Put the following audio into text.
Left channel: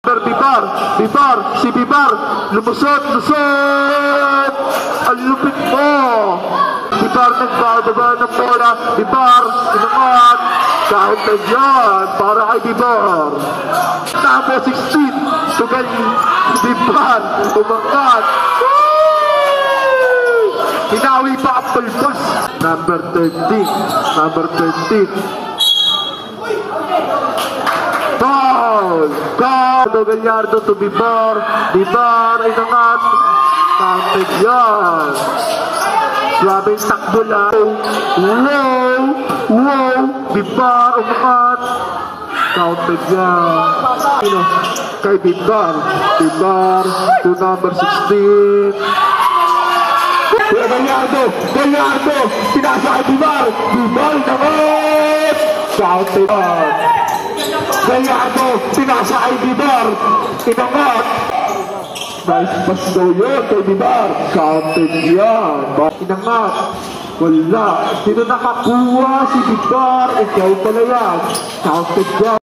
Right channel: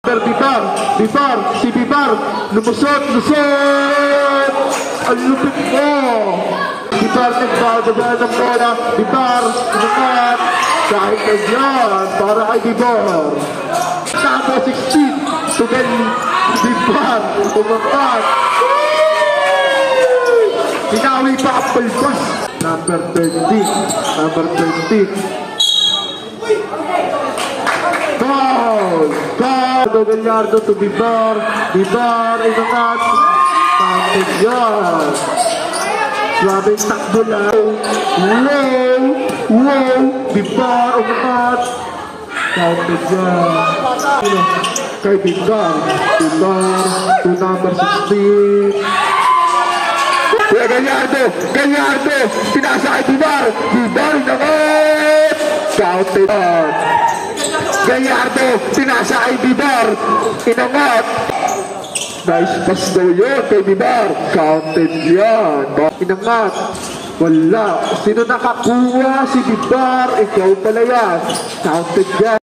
Bibar, si Bibar, lumusot! Ang lupit mo! Bibar nagbababa ng bola, Bibar, inangat! Kahit na yan, para kay Bibar. Tamo 16, tugal Bibar, umangat! Hinawi pa ang palpas. Number 20. Foul! Gallardo to Bibar ay nangat. Counted yan. Grabing takbo lang. Wow! Bibar umangat. Counted yan. Kay Bibar to number 16. Kaya Gallardo, pinasa kay Bibar nangat. Counted yan. Gallardo, pinasa kay Bibar, inangat. Nice pass daw yun kay Bibar. Counted yan. Inangat. Wala. Sino nakakuha? Si Bibar. Ikaw pala yan. Counted yan.